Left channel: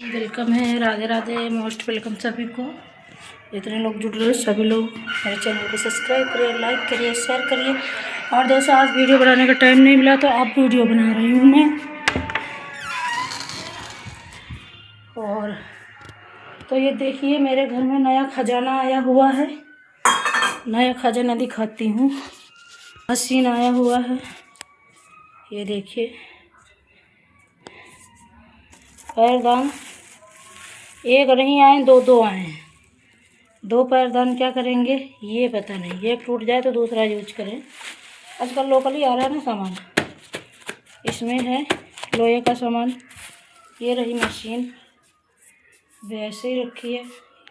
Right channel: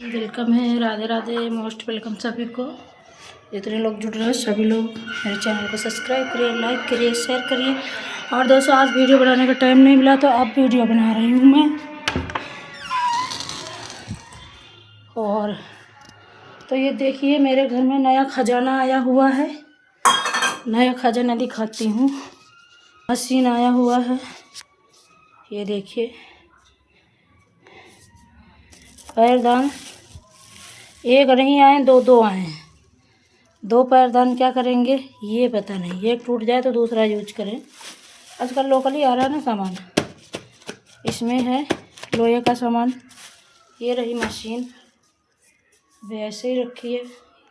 Welcome है, Radhe Radhe, most welcome सभी को। जितने लोग जुड़ रहे हैं सभी लोग मेरे चैनल को सब्सक्राइब करिए, लाइक करिए, शेयर करिए। और दोस्तों आज वीडियो बनाने का टाइम नहीं मिला तो अब वीडियो बना रही हूँ मैं। और तो ये देखिए मेरे घर में नया खजाना आया हुआ है। नया खजाना दिखाती हूँ। मशीन आया हुआ है, ये देखिए। पैरदान एक नहीं आए, दो आए हैं। दो पैरदान क्या करेंगे ये पता नहीं, ये टूट जाए तो दूसरा यूज करें। आजकल लोकल ही आ रहा है ना सामान। इसमें है लोहे का सामान। ये रही मशीन, वैसे ही रखी है।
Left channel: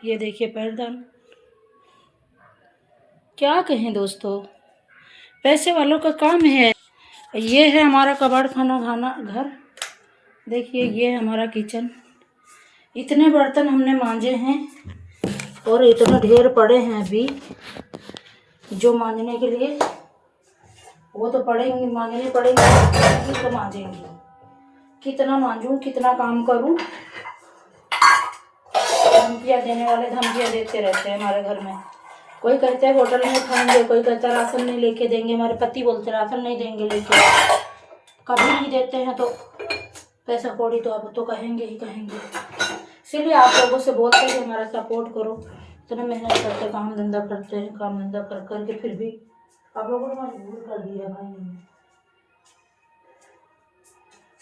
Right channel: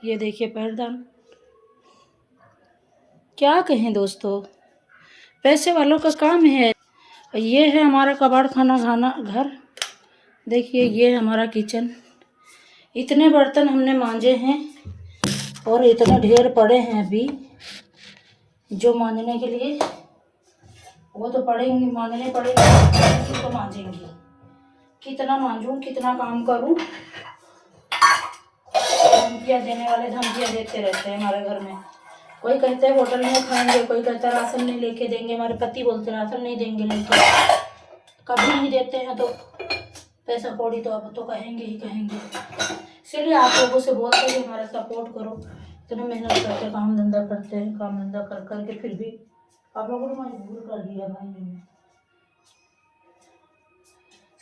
ये देखिए पैरदान। क्या कहें दोस्तों, पैसे वालों का काम है। ये है हमारा कबाड़ खाना घर। देखिए ये है हमारा किचन। इतने बर्तन हमने मांजे हैं और इतने ढेर पड़े हैं अभी जो मांजने के लिए। वो तो पड़ेंगे, मांजने पड़ेंगे तो मांजेंगे। कितना मांजूं, कितना काम करूं। धमकियाँ देने वाले धमकियाँ देते रहते हैं हमारे घर में। कोई कहता है होटल में खाएंगे, कोई कहता है राशन नहीं लेके देंगे। हमारे पति बोलते राशन नहीं देंगे लेके। कभी नहीं देते हैं तो पैसा कौड़ी तो अब तो कहेंगे ही कहेंगे। इसलिए आप लोगों से बोलते हैं कि हमारा सपोर्ट करो। इतने मेहनत करके काम धंधा करते हैं, काम धंधा कर करके फिर भी आप लोगों ने मजबूर कर दिया भाई। मैंने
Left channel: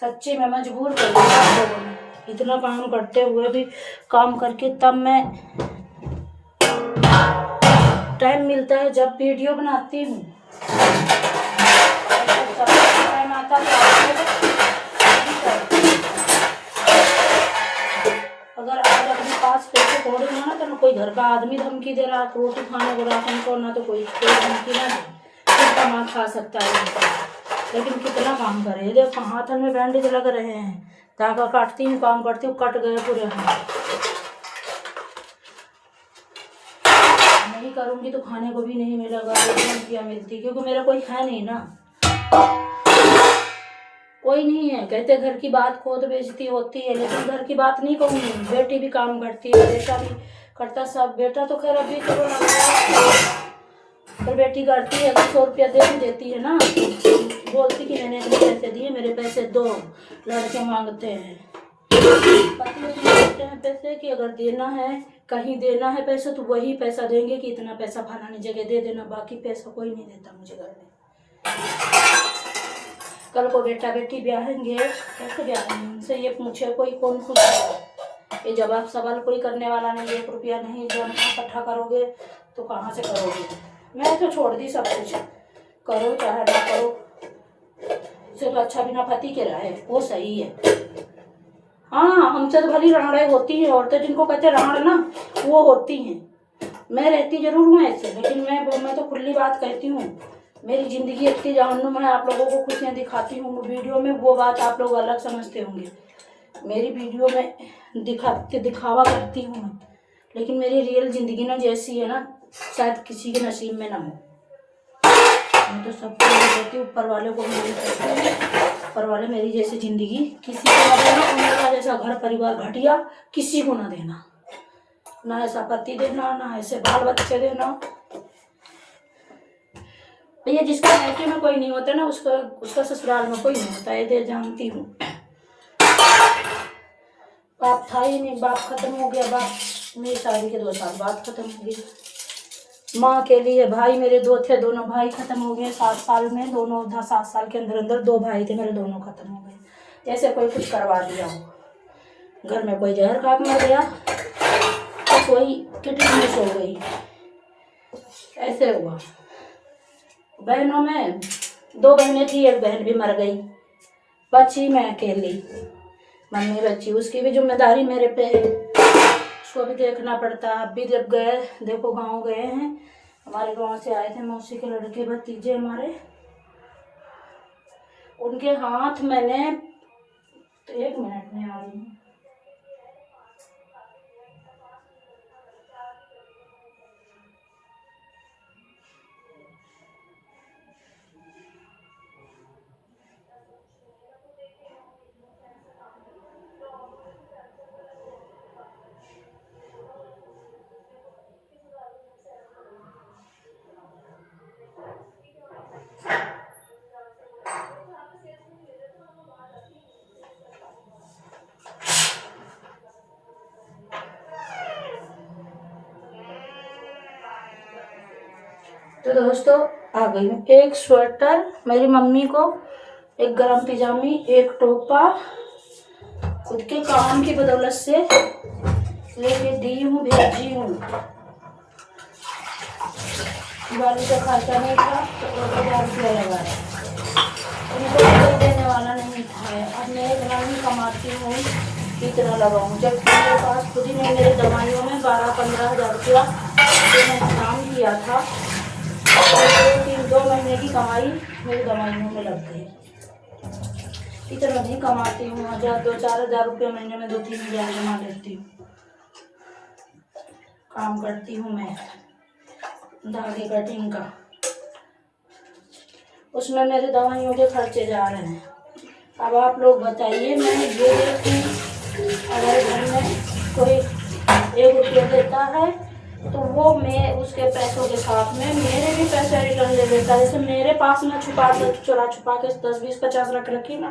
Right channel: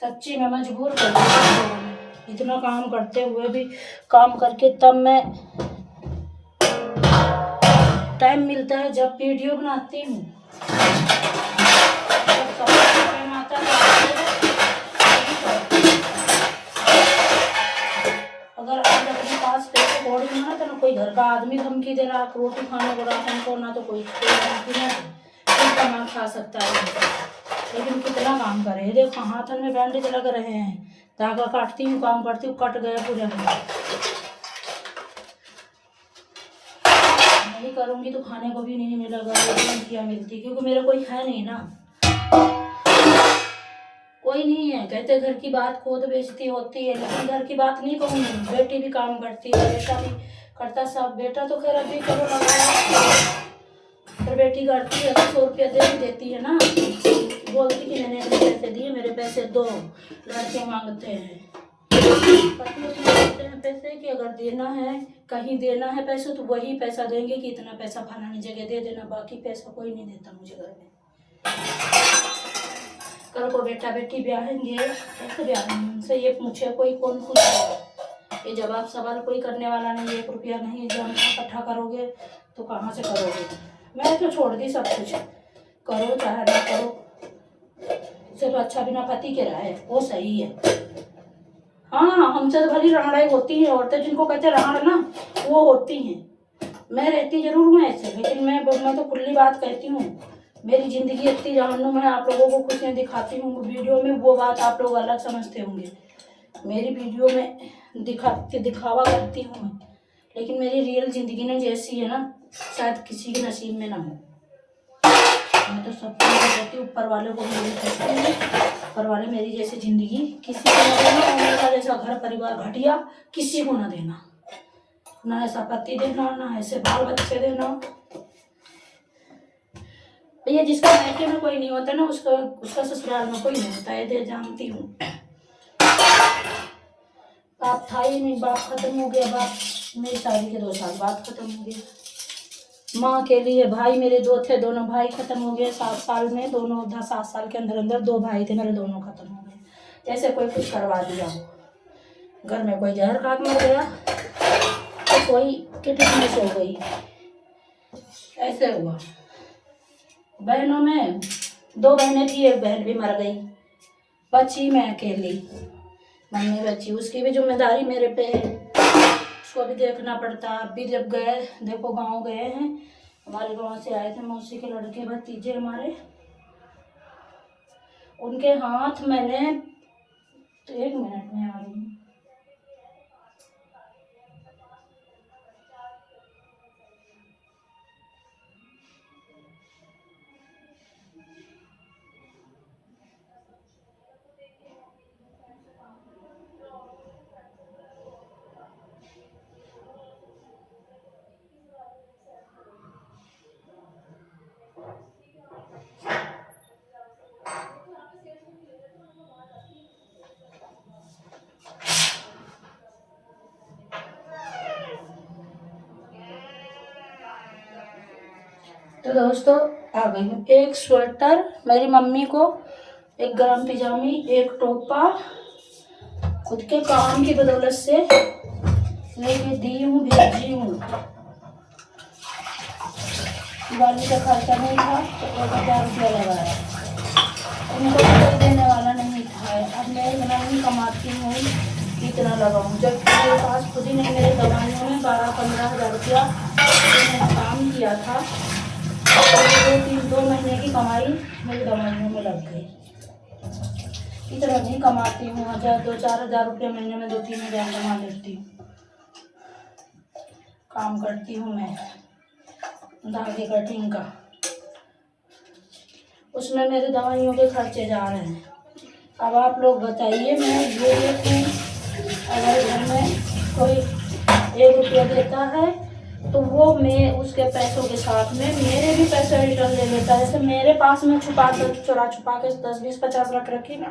सच्ची में मजबूर कर दिया आप लोगों ने। इतना काम करते हुए भी, काम करके तब मैं टाइम मिलता है जब वीडियो बनाती हूँ। टाइम आता है। अगर आज अपने पास पैसे कौड़ी हो ना तो कोई घर का आदमी धमकी दे रहा है रोटी खाने को, राशन को, ना तो कोई धमकी ना फिर कमा खा सकता है। लेकिन कितना काम करे। देखो हाथ में बैंडेज लग रहे हैं, धागा काटती हूँ, काम करती हूँ, कट गए पूरे हाथ। नहीं करूँगी तो खाने को भी नहीं मिलेगा, क्या मिलती, क्योंकि मेरा कोई है नहीं ना। कोई नहीं है। कहते घर की बात खुद बेइज्जती होती है, लेकिन घर की बात नहीं कहूँगी। बेटी भी काम करती है, बेटा भी करता, सब। बेटा तो खैर अभी चलो पर बेटी करती है तो 100 रुपया दे भी देती है ना। बोलती कि मैंने अपने पैसे दिए, मेरे पैसे दो। लड़के मांगते हैं, पति देते हैं पैसे कि अगर देना है, कहीं देना है पैसे तो वही पैसा देंगे कि इतना पैसा फलानी जगह दे देना। बाकी पैसा कोई नहीं देता मुझे घर में। कल को बेटा बेटी ब्याहेंगे, कैसे ब्याहेंगे? उनसे ये पूछे कोई, कौन पूछेगा? ये जवाब सवाल कोई करने वाला नहीं। 1 रुपया नहीं जब इकट्ठा करोगे तो कहाँ से करोगे? मैं तो छोड़ दी सब कुछ, करो चाहे ना करो। इससे तो अच्छा बिना पति के रहे, वो सही है। हाँ, हमसे तो भली राड़े होती हैं औरतें, जिनको कहते राड़ ना, वो होती हैं। मैं रहती जरूर हूँ ऐसे, लेकिन मैं तो खुली बात कहती हूँ। मेरी जिंदगी इतनी जहन्नुम है, आप लोगों को कुछ नहीं दिखाती हूँ वीडियो में, वो बात आप लोग अलग समझते होंगे। मेरी वीडियो में दिखावा करती हूँ मैं, लेकिन मेरी रियल जिंदगी ना जैसी है ना, शायद किसी के नसीब में ना हो। मैं तो सबको कहती हूँ, ऊपर वाले को मेरी कहती हूँ, ऊपर वाले मेरी जैसी जिंदगी किसी को ना देना। मेरा जैसा घर परिवार घटिया किसी को ना देना, ना ऐसा पति देना, ना ऐसे बाल बच्चे देना। भैया जिसका मायके में कोई नहीं होता ना, उसका ससुराल में कोई नहीं होता, ये जानती हूँ। बाप था ही नहीं, बाप खत्म हो गया। बाप मेरी शादी के 2 साल बाद खत्म हो गया। माँ के लिए भाई मेरे 2 थे, दोनों भाई खत्म हो गए 7 साल में। दोनों 7 साल के अंदर अंदर 2 भाई थे मेरे, दोनों खत्म हो गए। जैसे कोई कुछ करवा दिया हो। घर में कोई जहर खा के गया, तो कोई किडनी मिस हो गई, ऐसे हुआ। बहनों में 2 बहनें थी, 1 बहन भी मर गई, बची मैं अकेली। मम्मी बची, उसकी भी जिम्मेदारी मेरे पे है, उसको भी देखना पड़ता। अब भी जब गए, देखो गांव गए हैं, हमारे गांव से आए थे मौसी के लड़के भतीजे हमारे, उनके हाथ मैंने तो 1 मिनट में आ रही हूँ। तो दोस्तों आ गई हूँ। एक स्वेटर मेरी मम्मी को, एक गरम पिजामी, एक टोपा खुद के काम की बदौलत से लेके दी हूँ, भेजी हूँ। दिवाली का खर्चा नहीं था तो 1000 रुपया लगाया, उनको कोई देने वाला नहीं था। अब मैं इतना नहीं कमाती हूँ कि इतना लगाऊँ, जब मेरे पास खुद ही नहीं, मेरी दवाइयों में 12-15 हज़ार रुपया जो मैंने काम किया था, तो 2 महीने की कमाई मेरी दवाइयों में लग गई। इतना नहीं कमाती हूँ, 1000-4 हज़ार रुपये महीने में 2-3 हज़ार कमा लेती हूँ। काम करती हूँ मैं धागे कटिंग का, उसमें मेरे दवाइयों के खर्चे जा रहे हैं। अब आप लोग बताइए, मैं ये अगर घर में कोई 1 रुपया देता है तो वो मैं उसके पैसों के साथ में मेरे भी पैसे रिटर्न ले लेता है। जैसे मेरे पास में छुपा के 10-20-50 रखी ना,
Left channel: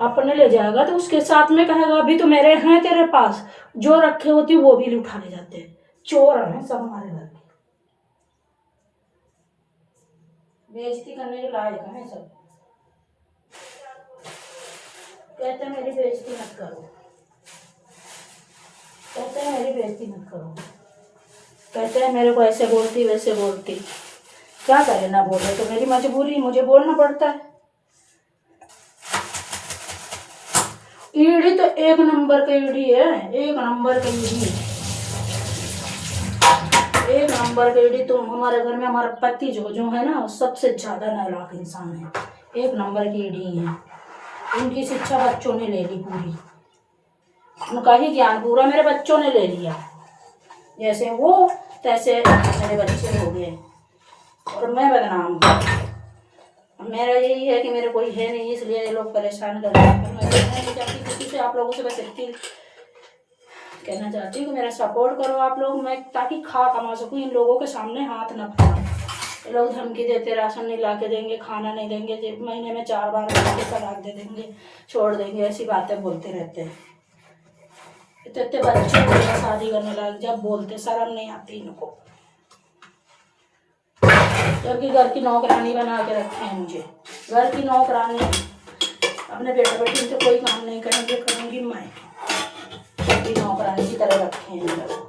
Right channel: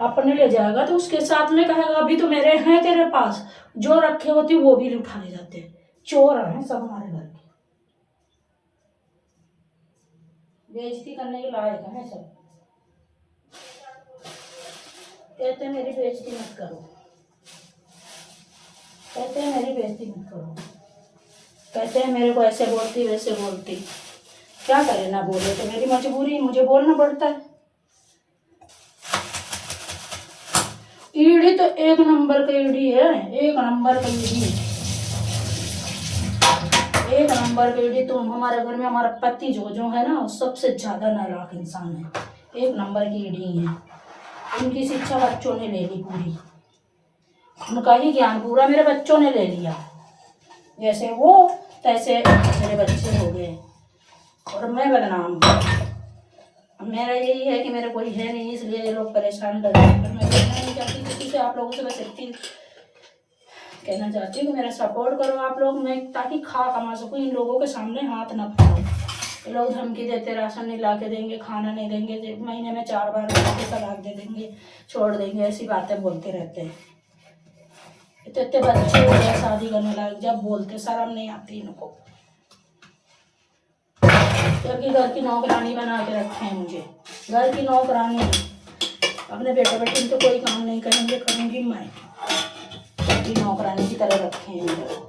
अपने ले जाएगा तो उसके साथ में कहेगा अभी तो मेरे हैं तेरे पास, जो रखे होती वो भी उठा ले जाते हैं। चोर हैं सब हमारे घर के, बेइज्जती करने के लायक है सब। कहते हैं मेरी बेइज्जती मत करो, कहते हैं मेरी बेइज्जती मत करो, कहते हैं मेरे को ऐसे बोलती वैसे बोलती। क्या करे, ना बोले तो मेरी मजबूरी, मुझे बोलना पड़ता है। ईडी तो 1 नंबर का ईडी है, 1 नंबर का ईडी, 1 नंबर का ईडी। तुम हमारे घर में हमारा पति जो है ना, सबसे ज्यादा नालायक इंसान है, 1 नंबर की ईडी है। उनकी शिक्षा बच्चों ने ले ली पूरी, उनका ही ज्ञान पूरा मेरे बच्चों ने ले लिया। जैसे वो तैसे मेरे बच्चे हो गए और मैं बदनाम हूँ। मेरा यही है कि मेरे कोई है नहीं, इसलिए ये लोग परेशान कर रहे हैं। पर मैं कहना नहीं चाहती किसी से, आप लोगों से बस इतनी कहना चाहती हूँ कि मेरा सपोर्ट करो आप लोग, मैं ताकि खा कमा सकूँ, इन लोगों के सामने हाथ न फैलाऊं। लोग धमकी देते, राशन नहीं ला के देंगे, खाना नहीं देंगे, महीने में 4 बार तलाक दे देंगे, छोड़ देंगे, ऐसी बातें बोलते रहते हैं। इतने बच्चे हो गए शादी करने लायक, जब बोलते शर्म नहीं आती इनको, जबकि घर की नौकरानी बना के रखे हैं मुझे, घर की नौकरानी। अपने बेटा बेटी तो कोई काम नहीं करेंगे, करूँगी मैं, जबकि नौकरानी की तरह रखे हैं मेरे।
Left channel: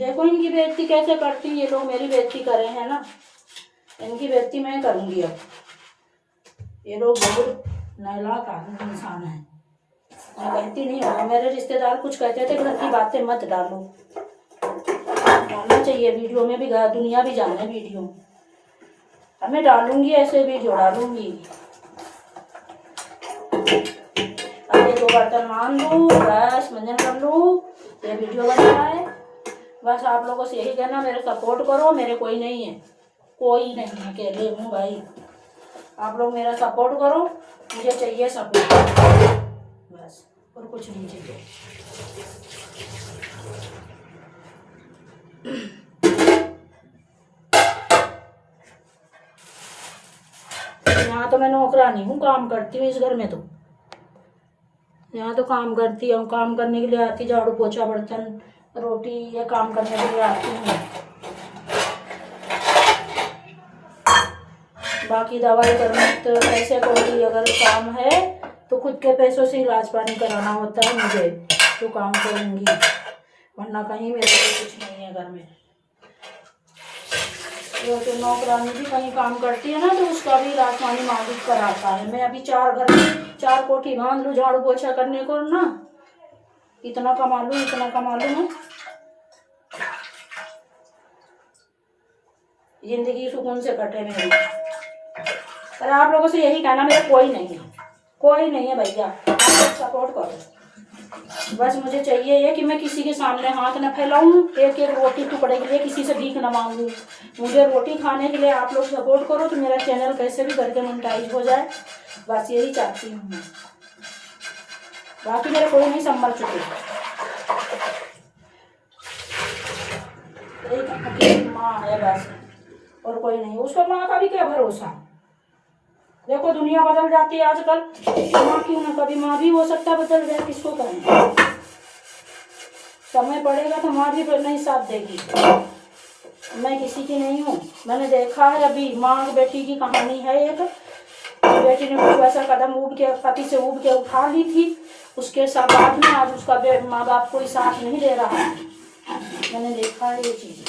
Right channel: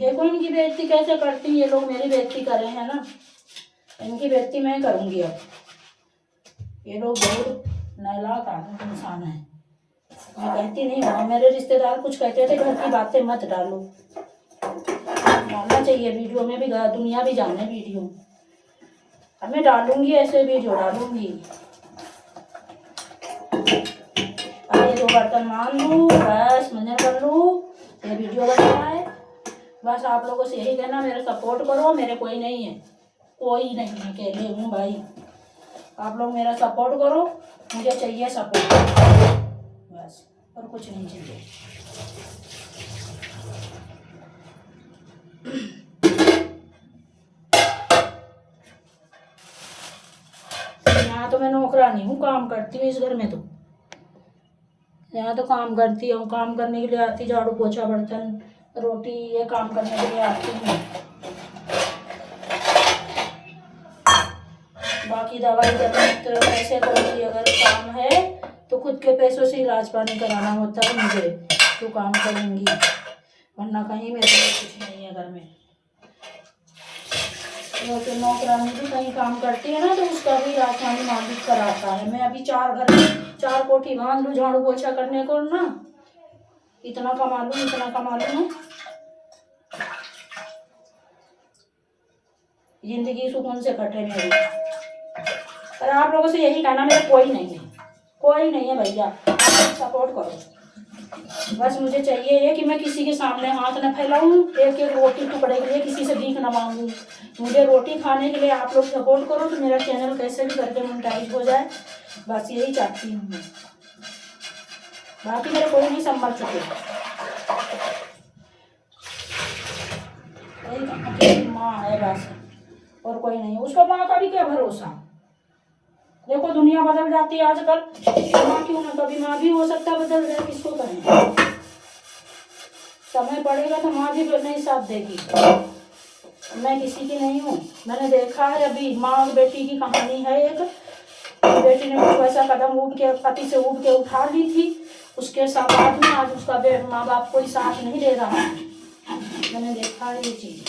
देखो इनकी बेइज्जती कैसे करती हैं ये लोग, मेरी बेइज्जती कर रहे हैं ना, इनकी बेइज्जती मैं करूँगी अब। ये लोग बहुत नालायक आदमी इंसान है। मैं कहती नहीं हूँ, मेरे रिश्तेदार कुछ कहते थे घर की बातें मत डालो, डालना चाहिए वीडियो में भी, दुनिया भी जाने वीडियो। अब मैं डालूंगी, ऐसे वीडियो डालूंगी। अब ये 2 बर्तन मान लूँ, बस मंजन कर लूँ, ये वीडियो बन रहा है। बस आप लोगों से यही कहना, मेरे सपोर्ट करो, मेरे कोई नहीं है, कोई नहीं है, अकेले हूँ भाई। आप लोग मेरा सपोर्ट करो, मुझे चाहिए सपोर्ट, बस, और कुछ नहीं चाहिए। यहाँ तो मैं नौकरानी हूँ, काम करती हूँ इस घर में, तो यहाँ तो काम करती हूँ, काम करने के लिए आती, झाड़ू पोछा बर्तन रोटी ये काम करने के लिए आती हूँ। बाकी दवाई तो पैसे को भी अगर काम है तो खुद के पैसों से इलाज पानी कराना होता है मुझे, तो काम करूँगी, वरना कहीं मेरे लिए कुछ नहीं है घर में। तो नौकरानी भी कहीं काम करती है ना, तो उसका भी इलाज पानी मालिक कराता है। मैं अभी 4 कोठी बांध लूँ झाड़ू पोछा करने को ना, इतना कमा लूँ जिंदगी सुकून से कटे मेरी। पर आप लोगों से यही कहना, मेरे कोई नहीं है भैया, सपोर्ट करो। बस मुझे चाहिए ये कि मैं किसी के सामने हाथ न फैलाऊं, एक रोटी टुकड़े के लिए किसी से भीख न मांगूं। मुझे रोटी खाने के लिए आप लोग सपोर्ट करो तो मेरा चैनल कैसे भी करके मोनेटाइज हो जाए, बस यही चाहती हूँ मैं। बाकी मेरे कोई नहीं संभल चुके, एक अकेली माँ है बस, और कोई नहीं। उसका माँ का भी क्या भरोसा, देखो दुनिया बदल जाती है आजकल, माँ क्यों ना, कभी माँ भी हो सकता है बदल जाए, किसको कहें। समय पड़ेगा तो माँ भी नहीं साथ देगी। मैं किसी की नहीं हूँ। मैंने देखा है अभी माँ बेटी की कहानी है एक, बेटी ने कुछ वैसा कदम ऊब के पति से ऊब के उठा ली थी, उसके साथ बाद में आज उसका माँ बाप कोई साथ नहीं दे रहा है। मैंने देखा है ये चीज़,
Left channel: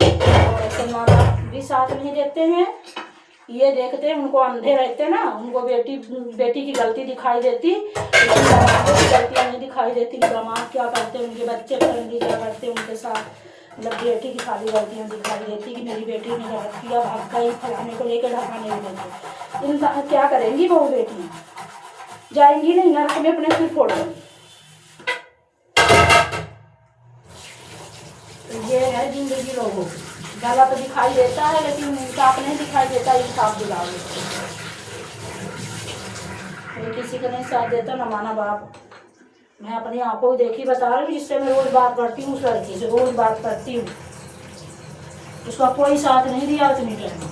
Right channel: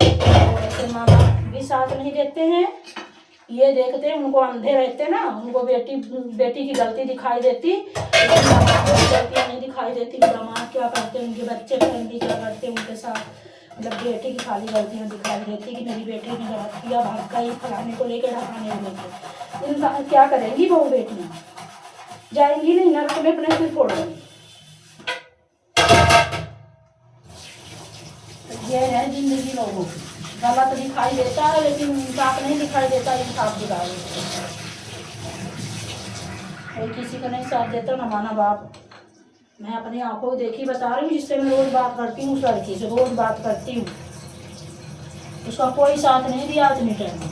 और ऐसे माँ बाप भी साथ नहीं देते हैं। ये देखते हैं, उनको अंधे रहते ना, उनको बेटी की गलती दिखाई देती, गलतियाँ नहीं दिखाई देती कि दामाद क्या करते हैं, उनके बच्चे फैमिली क्या करते हैं उनके साथ। मतलब बेटी की खाली गलतियाँ दिखाई देती कि मेरी बेटी ने गलत किया, भाग गई, फलाने को लेकर ढकाने नहीं देते। इन क्या करेंगी वो बेटियाँ? जाएंगी नहीं, नरक में अपने सिर फोड़ेंगी। तो ये है जिंदगी लोगों की। गलत दिखाई देता है लेकिन इंसाफ नहीं दिखाई देता, इंसाफ दिलाओ। कोई किसी को नहीं साथ देता, न माना बाप। मैं अपनी आंखों देखी बता रही हूँ, जिससे मैं रोज बात करती हूँ, उस लड़की से रोज बात करती हूँ, उसका कोई साथ नहीं दिया उतनी टाइम में।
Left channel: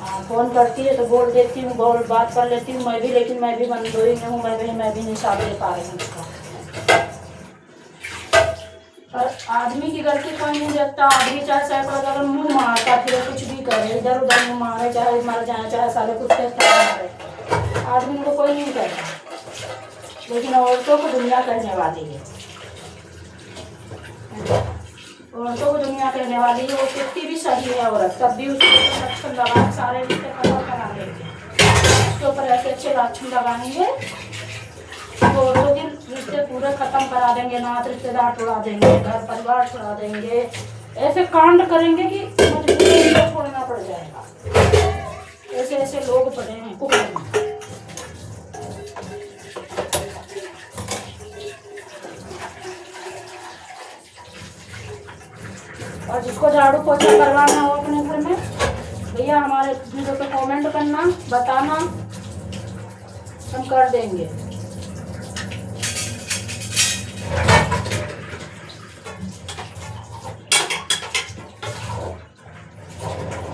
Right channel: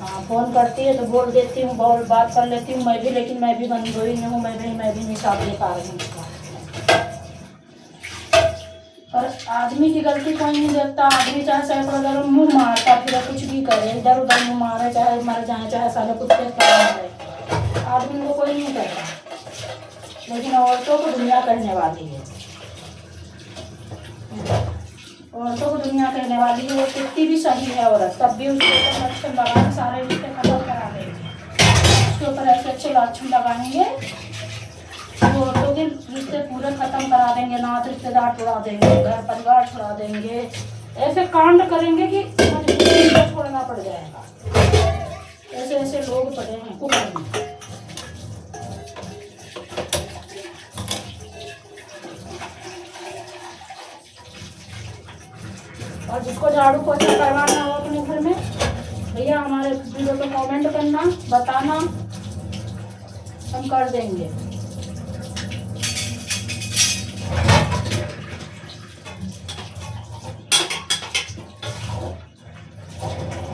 हाँ, फोन करती है तो बोल देती हूँ, बहुत बात कर लेती हूँ मैं भी, लेकिन मैं भी मंदोई नहीं हूँ, मैं भी नहीं साथ दे पा रही हूँ उसका। और आदमी की गलती कोई नहीं देखता। आदमी चाहे सैकड़ों जगह मुँह मारता फिर कुछ भी करे, इधर उधर मुँह मारे, चाहे मर जाए, चाहे सारे कुछ करे, आदमी को कोई नहीं करता। लेकिन औरतों को दुनिया कहने वाली है, औरतों को दुनिया कहने वाली है। वो कितनी भी सही है औरत, तब भी उसके लक्षण लगा सारे रिश्ते खत्म करा लेंगे, उसके ऊपर ऐसे अच्छे लक्षण लगाएंगे, औरतों के रिश्ते पूरे खत्म करा देंगे, नात रिश्तेदार छुड़ा देंगे, घर परिवार छुड़ा देंगे, ऐसे कांड करेंगे कि छोड़ना पड़ जाएगा। ऐसे ऐसे लोग पड़े हैं कुकर में। और जिसको झाड़ू पोछा करवाना हो अपने घर में, भैया हमारे वीडियो पे कमेंट करना, बताना, हम कर देंगे।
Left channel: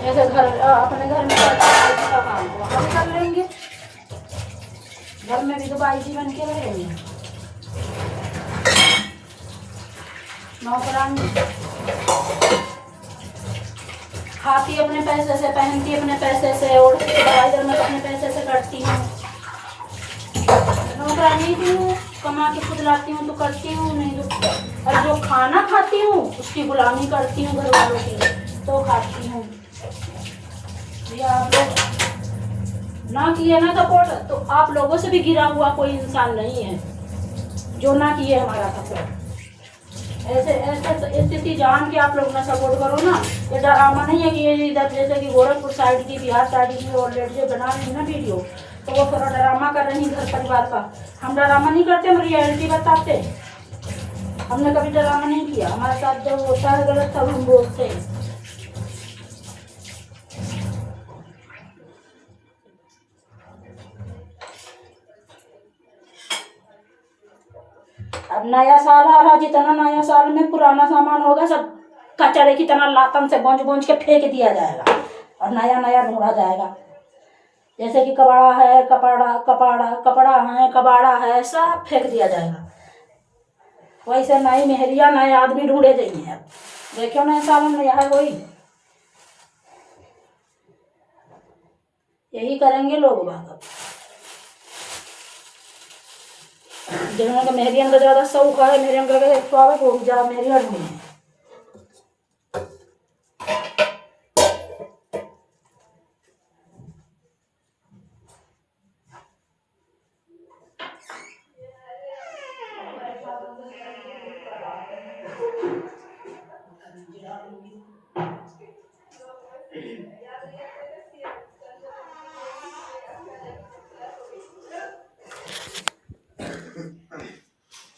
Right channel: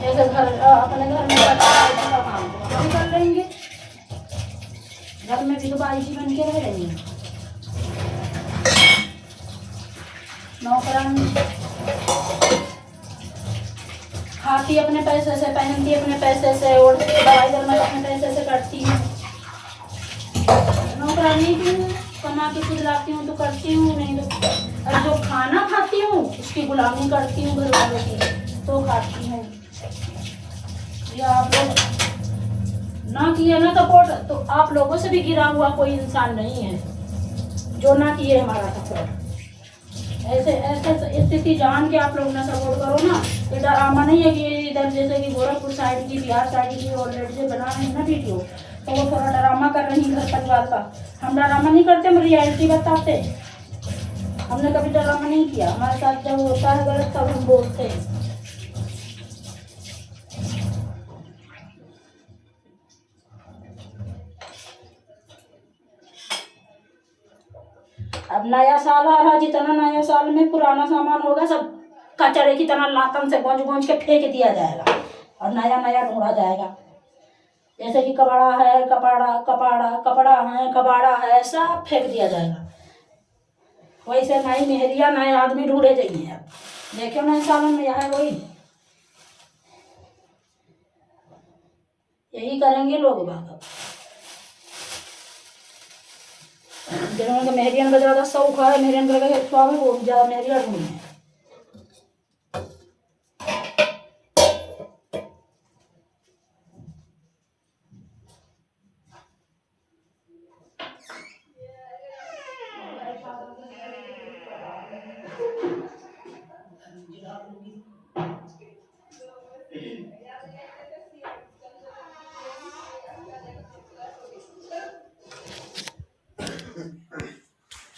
जैसे अपने घर में का काम को हम कर लेंगे, घर में भी तो बाई जी बन के रहेंगे। नौकरानी खाती अपने पैसे से, पहनती अपने पैसे से, और दवाई दरमत अपने पैसे से करती हूँ। नौकरानी भी हूँ, कमा के खुद लाती हूँ तो करती हूँ, नहीं तो और जो खाना खाती हूँ उसकी गुलामी करती हूँ घर वालों की, तो खाती हूँ। या आप लोग ना किए ना सपोर्ट, तो आप लोगों से भी गिरा हुआ कोई इंसान नहीं है जो ना किए हमारा सपोर्ट। ऐसे ऐसे स्थिति जान के आप लोग ना सपोर्ट करो ना। ये ड्रामा नहीं है कि ये इधर जैसे कि गोरखपुर साइड की, बिहार साइड की ऑलरेडी बना रही है ना वीडियो, तो वो थोड़ा ड्रामा कर रही घर परिवार का। हम ड्रामा नहीं करते, हम रियलिटी बताते। हमने कभी ड्रामा नहीं किया, हमारे साथ जब होता है गलत तब हम बोलते हैं। अब नया साल आ रहा, जितना नया साल में पुराना सामान होगा सब कचरे की तरह लातन से गूंज के फेंक दिया जाएगा और नया नया ढूंढा जाएगा। जैसे कि कबाड़ा है, सब फेंक दिया जाएगा। वैसे नई मेहरिया नए आदमी ढूंढे जाइए। अब देखो नए साल में नया है कोई, यही करेंगे लोग बात। जिन्होंने मेहरियन का ज्यादा शौक है, मेहरियन का स्वागत हो ज्यादा मेहरिया ढूंढी है।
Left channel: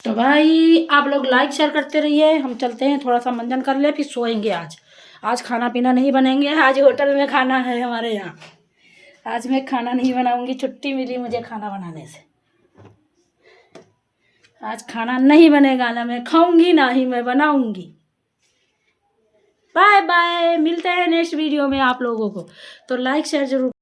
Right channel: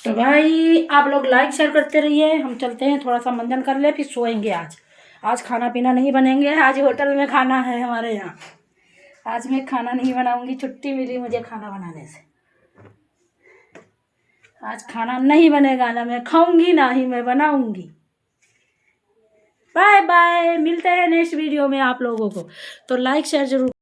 तो भाई आप लोग लाइक शेयर करते रहिए, हम चलते हैं, थोड़ा सा मंजन कर ले फिर सोएंगे। आज खाना पीना नहीं बनेंगे, आज होटल में खाना है हमारे यहाँ। आज मैं खाना नहीं बनाऊंगी, छुट्टी मिली मुझे खाना बनाने से। आज खाना नहीं बनेगा, ना मैं खाऊंगी ना ही मैं बनाऊंगी। बाय बाय, मिलते हैं नेक्स्ट वीडियो में आप लोगों को। तो लाइक शेयर जरूर।